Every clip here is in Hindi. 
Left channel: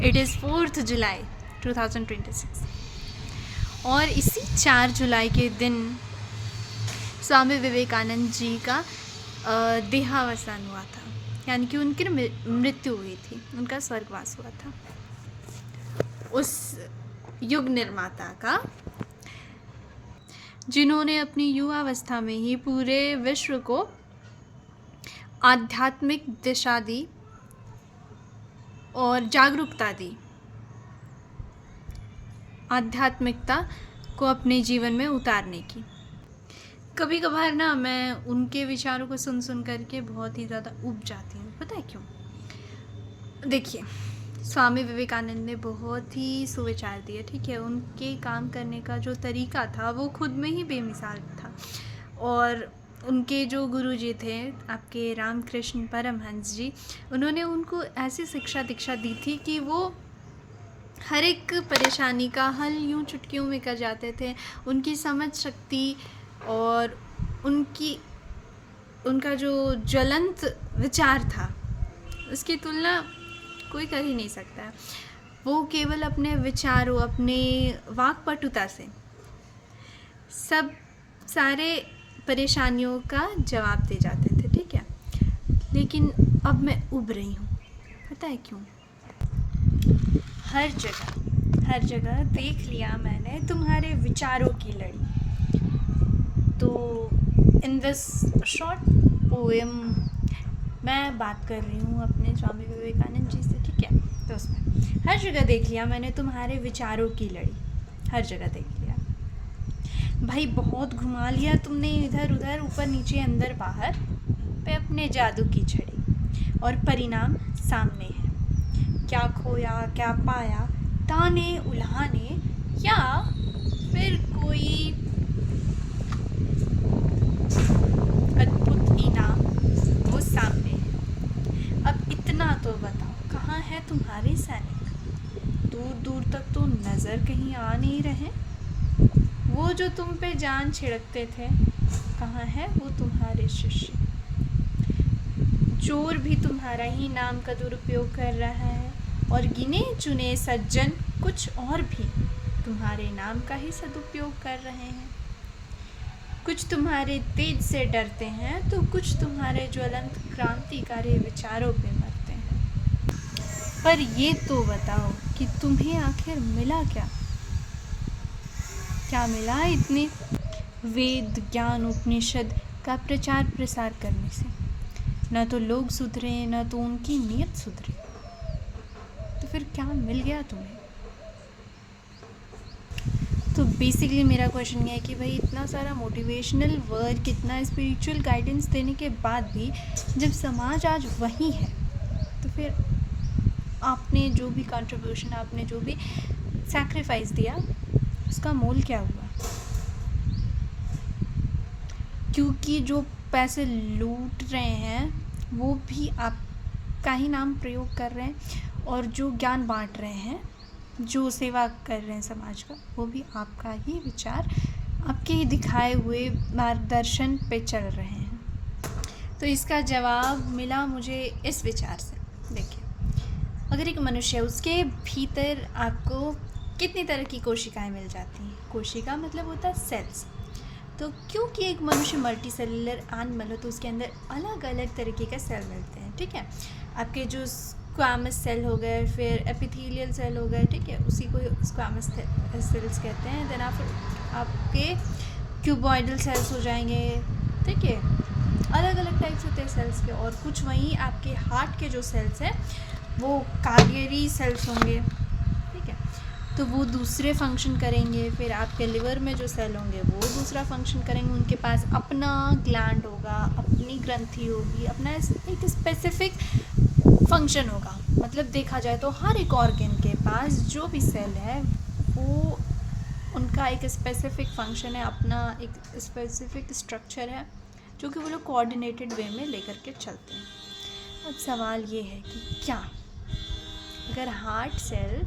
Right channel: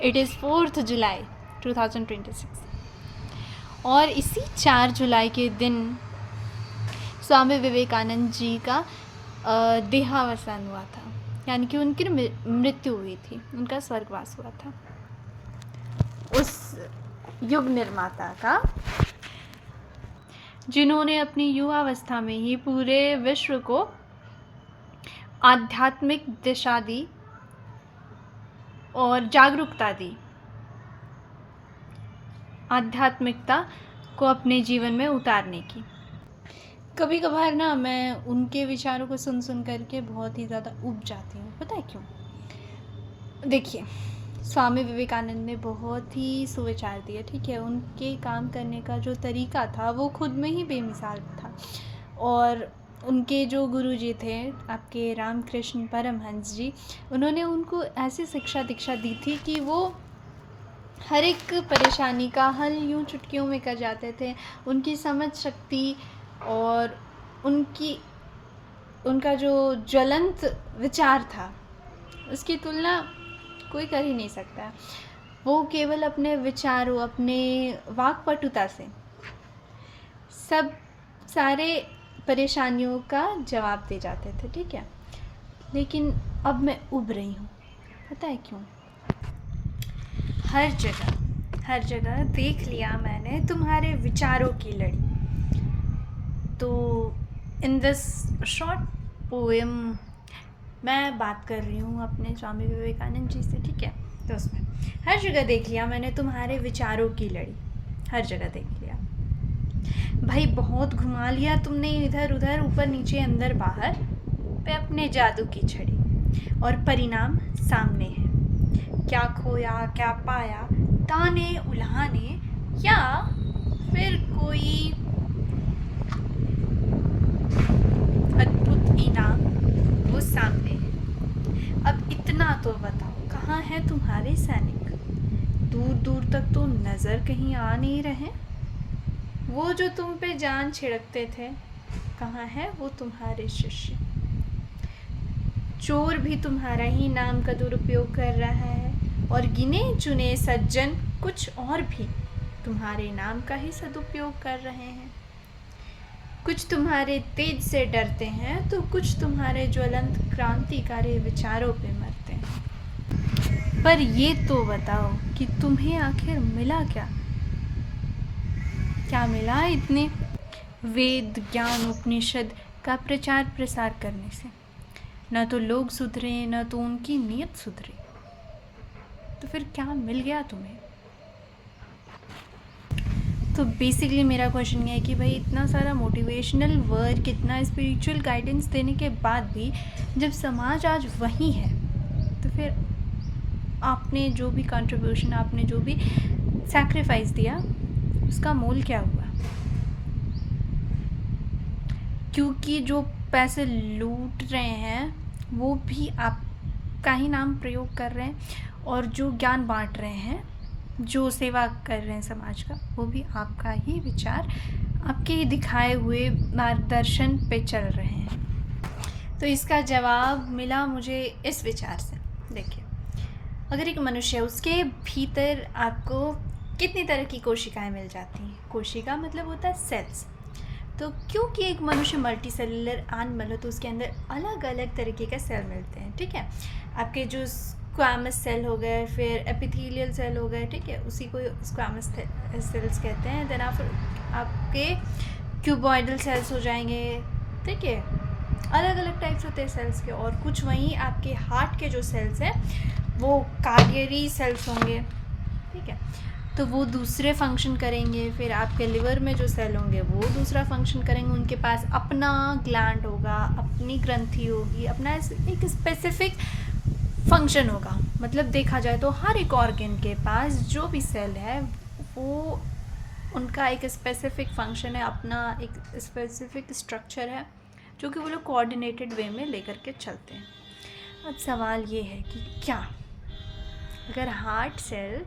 इट इज़ 4th जुलाई 2026 और इसी 4 जुलाई के दिन स्वामी विवेकानंद जी का देहावसान हुआ था, यानी कि उनकी मृत्यु हुई थी, उनका स्वर्गवास हुआ था। उस युग निर्माता का जिन्होंने अपनी युवावस्था में ही पूरे विश्व को आध्यात्मिक दिशा दी और जागरूकता दी, आध्यात्मिकता को अपने जीवन में उतारने की। कभी कभार ना मैं उनके विचारों को सुन सुन करके बहुत ही ज़्यादा ऊब जाती हूँ। पता है क्यों? देखिए, स्वामी विवेकानंद ने बहुत ही सुविचार दिए, ठीक है। उनके काम करने का जो तरीका था वो खुद में ही बेमिसाल था। और उनके जो गुरुजी थे आपके रामकृष्ण परमहंस जी, उन्होंने उनको ऐसी शिक्षा दीक्षा दी थी कि वो हर एक परेशानी का हल यूं चुटकियों में कर जाते थे। उनकी समझ शक्ति और उनका जो ज्वलंत विचार था उसकी तुलना कोई कर ही नहीं सकता है। वो केवल अपने विचारों, अपने वाक्पटुता से सब सारे परेशानियों का जवाब दे जाते थे, ठीक है। लेकिन अब मैं उब रही हूँ। पता है क्यों? हर जगह देख लिया मैंने तुम्हारे विचारों की लड़ी। तो इन दिस शॉर्ट पोएम मैं बात कर रही हूँ अपने स्वामी विवेकानंद जी से, ठीक है। तो उसमें हर जगह देख लिया मैंने तुम्हारे विचारों की लड़ी, हर जगह देख लिया भाई, बहुत घुमा लिया तुमने इधर उधर, ऊपर नीचे अंदर बाहर पे अपने जादू की छड़ी, और परिणाम सामने है। क्या खोया क्या पाया, ताने उल्हाने या फिर कोई अद्भुत इनाम, वो सामने है। अब इतना तो बताओ, कहाँ है तुम्हारे सैनिक? दूर दूर तक तो नज़र कहीं आ नहीं रहे। वो जो तुम पे जान छिड़कते थे, कहाँ है वो तुम्हारे शिष्य? चोर भी तुम्हारा ही नाम का दुरुपयोग कर रहा है, और गिने चुने सज्जन कुछ और भी तुम्हारे नाम का ही सदुपयोग कर रहे हैं। कुछ तुम्हारे तेज से डरते हैं तो कुछ तुम्हारे ज्वलंत क्रांतिकारी विचारों पे मरते हैं। पर ये तो बताओ कि तुम्हें आखिर मिला क्या? क्या मिला इतने वेद ज्ञान उपनिषद का प्रचार प्रसार करने से? न तो लोग सुधरे, न तो उनकी नीयत सुधरी। तो फिर क्या मिल गया तुम्हें? तो बेसिकली मेरा क्वेश्चन ये है कि भाई, इतना सारा मोटिवेशनल वर्क, इतना स्पिरिचुअल गाइडेंस देने के बाद भी जब समाज आज वही है, तो फिर आपने जो भी कंट्रीब्यूशन, आपने जो भी सैक्रिफाइस दिया, उसका मोल क्या हुआ? क्योंकि जो पैसे लूट रहे हैं वो भी आपका ही नाम प्रयोग कर रहे हैं, और जो ज्ञान बांट रहे हैं, जो सेवा कर रहे हैं समाज का, वो भी आपका ही विचार, आपके ही दिखाए हुए मार्गदर्शन पे चल रहे हैं। तो इसका जवाब मिला मुझे इस विचार से। देखिए, अगर एक मनुष्य है, उसके भीतर आपको कितनी तरह की कोशिकाएं मिल जाती हैं। कोशिका मतलब होता है सेल्स। तो क्योंकि एक मनुष्य मल्टी सेलुलर एनिमल है, तो उसके अंदर अलग अलग तरीके के सेल मिलते हैं, ठीक है। आपके जो स्क्वामस सेल हो गए, फिर एपिथेलियल सेल हो गए, ठीक है, उसी को स्क्वामस सेल्स कहते हैं। देन आपके क्यूबॉइडल सेल्स हो जाएंगे, ठीक है। अलग अलग टाइप्स होते हैं सेल्स के। और कुछ वहीं आपके हार्ट के जो सेल्स हैं वो कार्डियरी सेल्स होंगे, ठीक है, तो वो दूसरे फंक्शन करेंगे। फिर आपके लिवर में जो सेल होंगे वो दूसरा फंक्शन करेंगे, उनके पास अपना ग्लैंड होगा, अपनी ग्रंथि होगी, अपना एक स्पेसिफिक फंक्शन होगा। मतलब देखा जाए तो हर एक ऑर्गन के पास जो भी सेल है वो उनका एक स्पेसिफिक फंक्शन है, अपना एक स्पेसिफिक स्ट्रक्चर है, जो कि वो लोग कोऑर्डिनेटेड वे में लेकर के चलते हैं। अब सवाल ये है कि क्या अगर हार्ट सेल,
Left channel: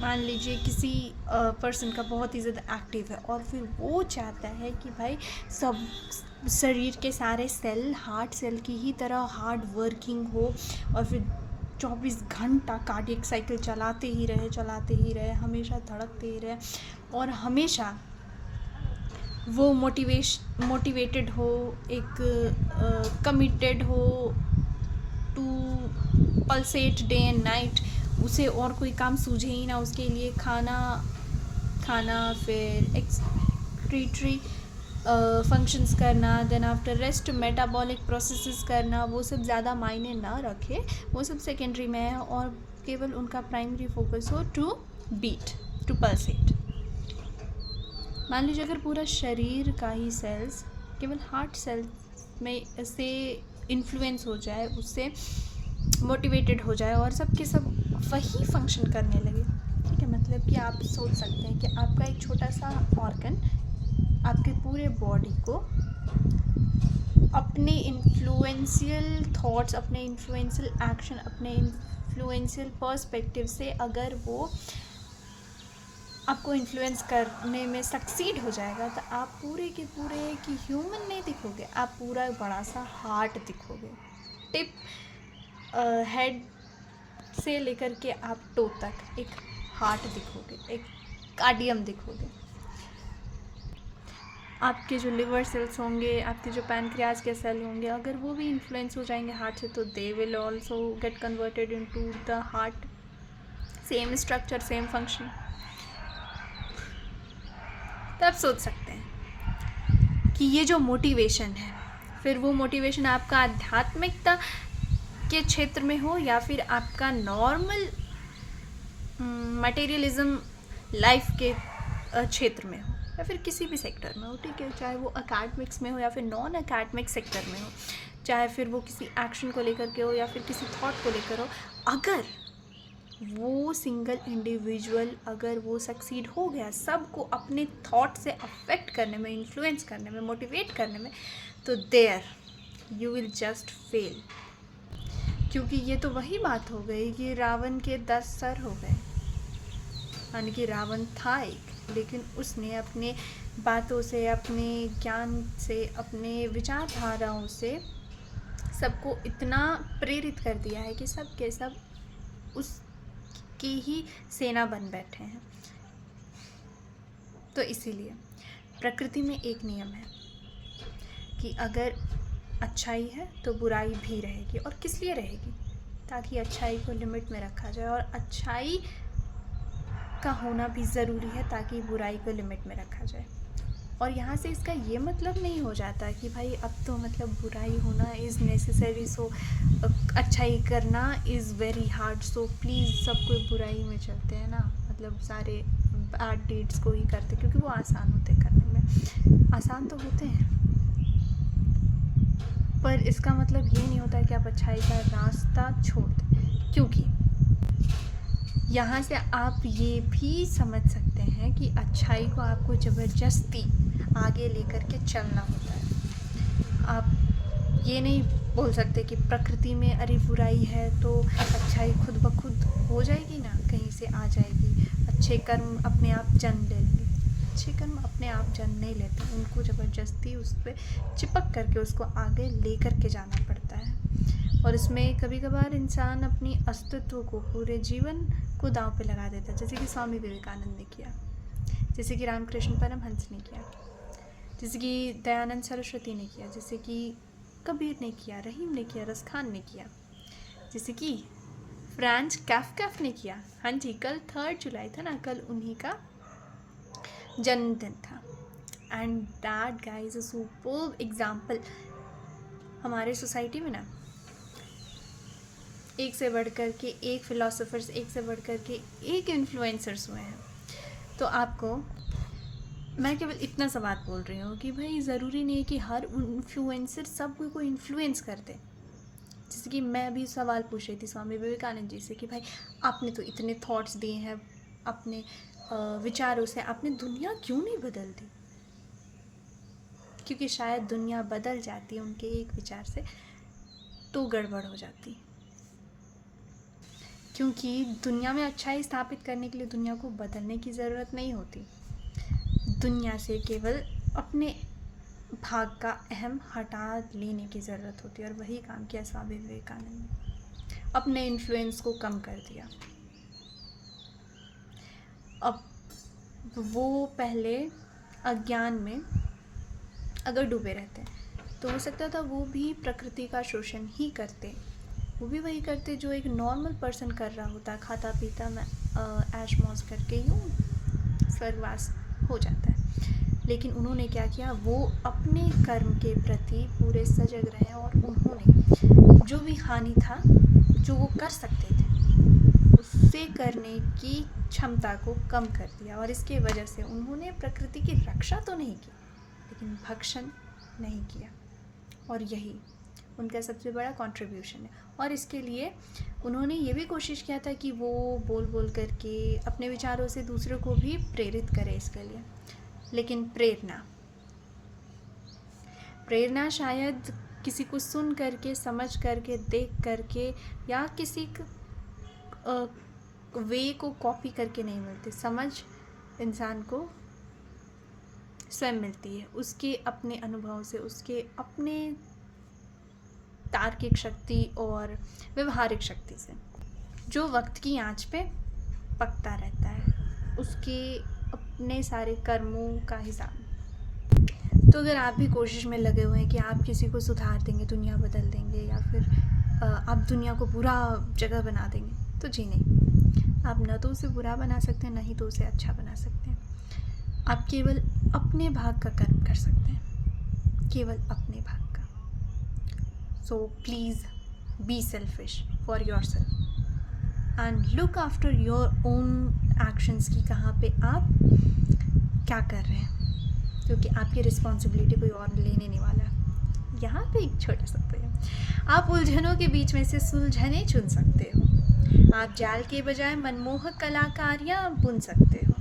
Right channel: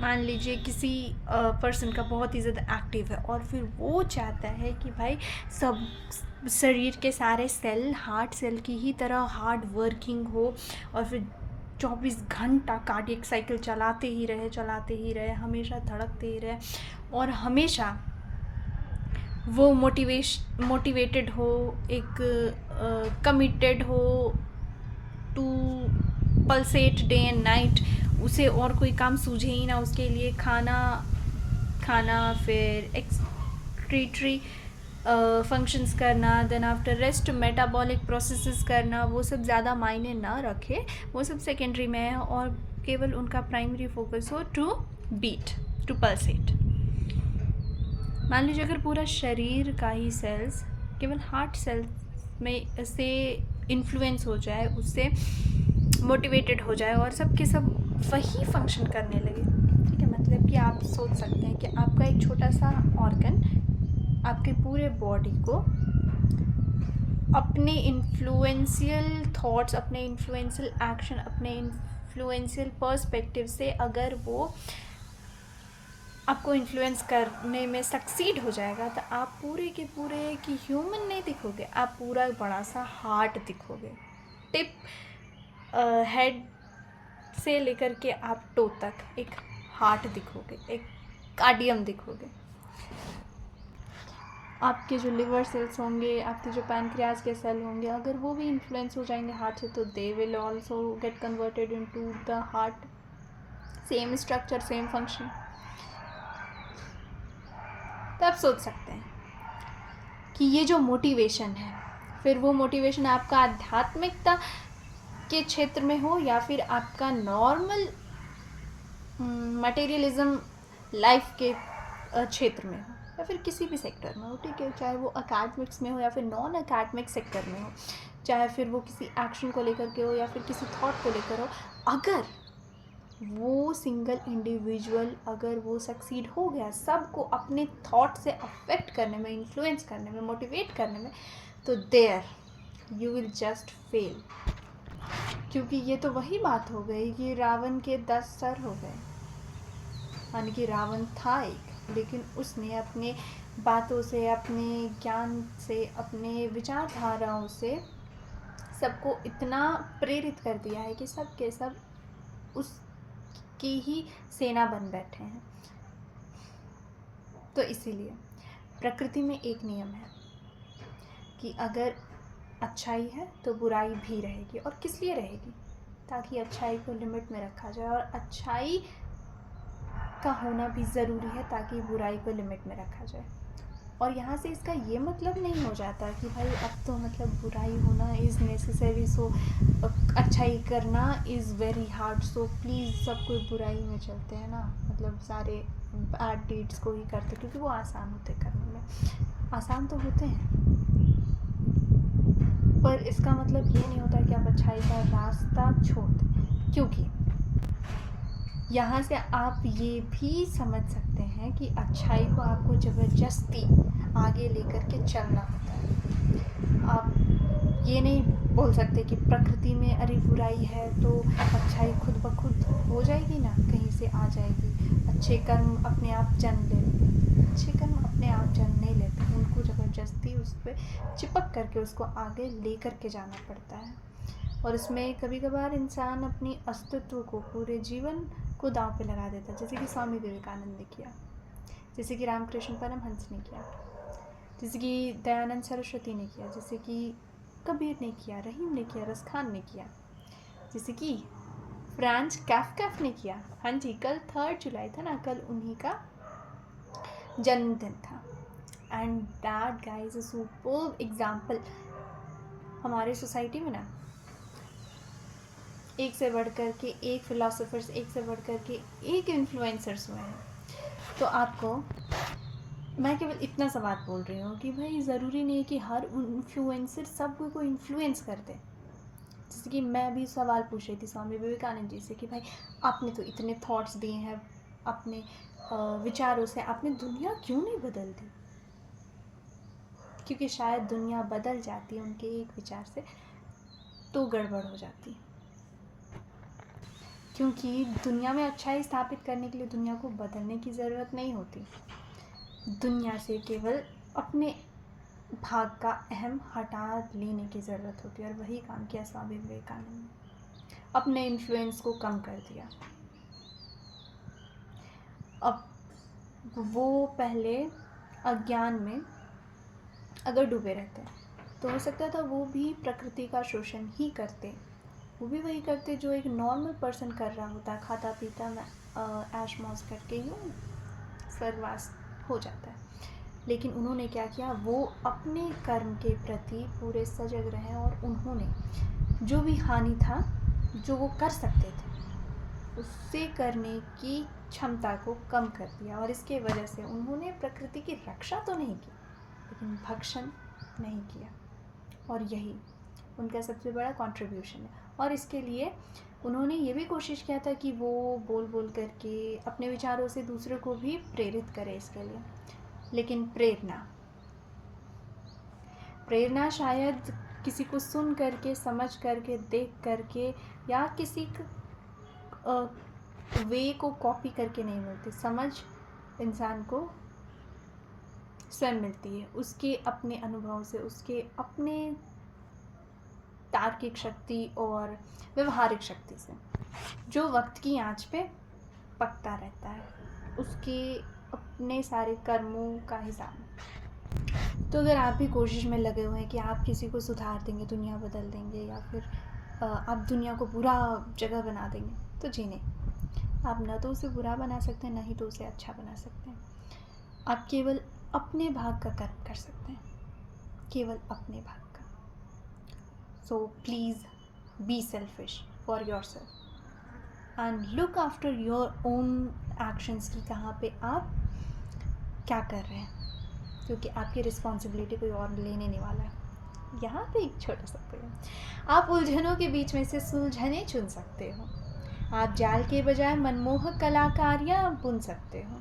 मान लीजिए किसी पर्सन का बहुत ही ज़्यादा एक्टिव है, और फिर वो चाहता है कि भाई सब शरीर के सारे सेल हार्ट सेल की ही तरह हार्ड वर्किंग हो, और फिर 24 घंटा कार्डियक साइकिल चलाते ही रहे, हमेशा धड़कते ही रहे, और हमेशा वो मोटिवेटेड हो, एक कमिटेड हो to pulsate day and night, उसे और कोई काम सूझे ही ना, उसके लिए खाना फिर एक्सक्रीटरी फंक्शंस करना, then after rest metabolic processes करना, वो सब ज़्यादा मायने ना रखे, वो सब सेकेंडरी में है, और केवल उनका प्राइमरी फोकस हो टू बीट, टू पल्सेट। मान लीजिए अगर पूरा शरीर का ही सेल्स केवल हार्ट सेल्स में से इन्फ्लुएंस हो जाए, उससे मोटिवेटेड हो जाए और सब के सब वही फंक्शन करने लगे, ठीक है, मतलब कि आप सोच सकते हैं कि आपका एक छोटा सा ऑर्गन आपके पूरे बॉडी को अपने इन्फ्लुएंशियल थॉट्स, अपने इन्फ्लुएंशियल एक्शन, अपने इन्फ्लुएंशियल पर्सपेक्टिव से अगर वो आपको इन्फ्लुएंस करने में सक्सीड हो जाएगा, तो आप पूरे के पूरे की ह्यूमन नहीं दिखोगे, आप पूरा बड़ा सा हार्ट दिखोगे, टिप हेड से लेकर के आप टो तक एक हार्ट दिखोगे, एक कार्डियम दिखोगे। आपके जो लिवर सेल्स होंगे, आपके जो पैनक्रियाज के सेल होंगे, अगर वो भी इन्फ्लुएंस हो जाएंगे हार्ट से, तो they will also get converted into the heart, same structure, same function. तो आप सोच सकते हैं कि ये जो मोटिवेशन है, फिर वो मोटिवेशन आपका आध्यात्मिकता के क्षेत्र में हो या फिर आपका नॉर्मल मटेरियलिज्म लाइफ के क्षेत्र में हो, या फिर किसी भी सेक्टर में हो, ठीक है, चाहे वो अकेडमिक्स में हो या फिर नॉन अकेडमिक सेक्टर में हो, चाहे फिर वो किसी एक्शन को लेकर के हो या फिर किसी थॉट को लेकर हो, अगर वो सिंगल इंडिविजुअल अगर वो सक्सीड हो गया सबको अपने थॉट से अफेक्ट करने में, इन्फ्लुएंस करने में, मोटिवेट करने में, तो there you will just fail. क्योंकि ये तो वही बात हो गई कि रावण के 10 सर हो गए, यानी कि रावण था एक, लेकिन उसने अपने बातों से, अपने ज्ञान से, अपने विचारधाराओं से सबको इतना प्रेरित कर दिया है कि सब के सब उसकी ही सेना बन बैठे हैं। तो इसीलिए प्रकृति में एक नियम है कि अगर अच्छाई है तो बुराई भी रहेगी, और किस लिए रहेगी, ताकि अच्छाई को लिमिट में रखा जाए, और अच्छाई का होना भी ज़रूरी है ताकि बुराई को लिमिट में रखा जाए। और यहाँ से इसका ये मतलब नहीं हो जाता कि भाई अब तो मतलब बुराई होना इज़ नेसेसरी, सो अच्छाई करना is very hard, so please सब कोई बुराई में चलते हैं ना, मतलब सारे बैड डीड्स को ही करते, क्योंकि वो आसान होते करने में, आसान तो होते हैं, पर इसका मतलब ये नहीं होता कि आप अच्छाई का रास्ता छोड़ दें। क्योंकि यहाँ से आप ये भी समझ सकते हैं कि अच्छाई को आपको ज़बरदस्ती आगे लेकर के चलना होता है। आप ये नहीं बोल सकते कि प्रकृति में अरे बुराई है तो अच्छाई खुद ब खुद हो जाएगी ना, कहीं से आ जाएगी, अच्छे कर्म अपने आप जन्म ले लेंगे। अच्छे कर्म अपने आप जन्म नहीं लेते, उनको ज़बरदस्ती उस पर चिपक करके उसको आगे ले करके जाना पड़ता है। और इसमें कभी कभार इंसान अपनी अस्तित्व को, पूरे जीवन को दांव पे लगा देता है, जैसे कि स्वामी विवेकानंद ने किया, जैसे कि रामकृष्ण परमहंस ने किया, जैसे कि दयानंद सरस्वती ने किया, जैसे कि कबीर ने किया, रहीम ने किया, रसखान ने किया, जैसे कि फ्रांज काफ्का ने किया। हाँ जी, कल 3 जुलाई था ना, कल उन्हीं का जन्मदिन था। And that guy is a superb example. हमारे सोसाइटी में ना एक से बढ़ कर के एक फिलोसोफर्स, एक से बढ़ कर के एक इन्फ्लुएंसर्स हुए हैं। तो आपको मैं केवल इतना सा बात बोल रही हूँ कि भाई ज़रूरी नहीं है कि हर इन्फ्लुएंसर सब को इन्फ्लुएंस कर दे। जैसे कि मैं भी सवाल पूछ रही थी स्वामी विवेकानंद जी से कि भाई आपने तो इतने थॉट्स दिए हैं, अपने विचारों से आपने दुनिया क्यों नहीं बदल दी? क्योंकि शायद दुनिया बदल जाती है उनके एक विचार से तो गड़बड़ हो जाती, क्योंकि दुनिया में अच्छाई स्थापित करने के लिए दुनिया को बदलने की ज़रूरत नहीं होती। दुनिया से केवल अपने भाग का अहम हटा लेने की ज़रूरत होती है, और वही काम किया स्वामी विवेकानंद ने। अपने इन्फ्लुएंस को कम कर दिया। अब वो पहले अज्ञान में अगर डूबे रहते तो हो सकता था वो भी प्रकृति का शोषण ही करते, वो भी वही करते जो एक नॉर्मल पर्सन कर रहा होता, खाता पीता में ऐश मौज करके यूँ स्वर्गवास हो जाता है। लेकिन उन्होंने क्या किया, वो अपने कर्म के प्रति पूरे सजग रहे और उन्होंने जो भी हानि था जो वो कर सकते थे उससे करने की क्षमता को कम कर दिया। और इसके वजह से उन्होंने प्रकृति की रक्षा तो नहीं की लेकिन भक्षण नहीं किया, और यही उनका सबसे बड़ा कंट्रीब्यूशन है। और इसके लिए उन्होंने ये भी कोशिश किया था कि वो बोल बोल करके अपने विचारों से दूसरों को भी प्रेरित करे इसके लिए। लेकिन प्रेरणा शायद किसी को सुन करके, समझ करके, देख करके या किसी वे को कॉपी करके नहीं मिलती। समझ इंसान को स्वयं मिलती है, उसके अपने अनुभव से, उसके अपने तार्किक शक्ति और व्यवहारिक शक्ति से, जो वक्त की आंच पे पकता रहता है, उसके अपने सारे कर्मों का हिसाब। तो अगर आप भी कोशिश में लगे हुए हैं कि आप किसी को सुधार देंगे, दुनिया बदल देंगे, या फिर आप दुनिया को बुरा जगह बना देंगे, तो जी नहीं, आप न तो उसे बुरा बना सकते हैं, न ही तो उसे अच्छा बना सकते हैं। आप केवल अपने भाग का कर्म कर सकते हैं, केवल अपने भाग का। So please be selfish for your self and look after your own actions की कहाँ पे आप क्या कर रहे हैं, क्योंकि आपकी रिस्पॉन्सिबिलिटी कोई और लेने नहीं वाला है। यहाँ पे एक छोटा सा पोएम, आप उलझनों के बीच में से सुलझने चुन सकते हो, आप जाल के बजाय मनमोहक कलाकारियाँ बुन सकते हो,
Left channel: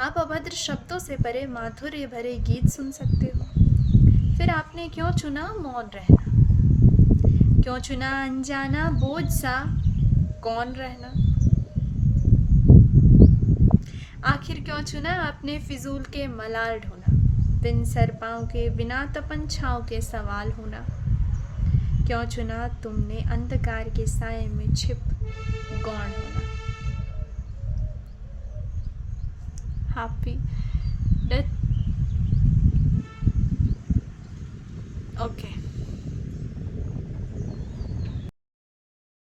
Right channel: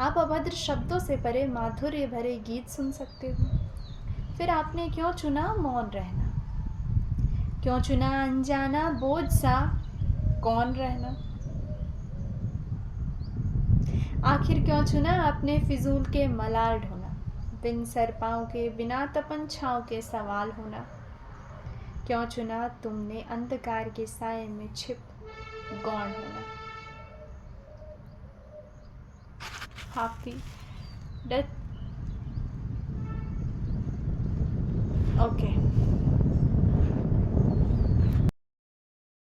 आप अभद्र शब्दों से परे माधुर्य भरे गीत सुन सकते हो। फिर आपने क्यों चुना मौन रहना, क्यों चुना अनजाना बोझ सा कौन रहना, आखिर क्यों चुना आपने फिजूल के मलाल ढोना, दिन सर पाँव के बिना तपन छाँव के सवाल होना, क्यों चुना तुमने अंधकार के साए में छिप गौण होना। Happy death. ओके,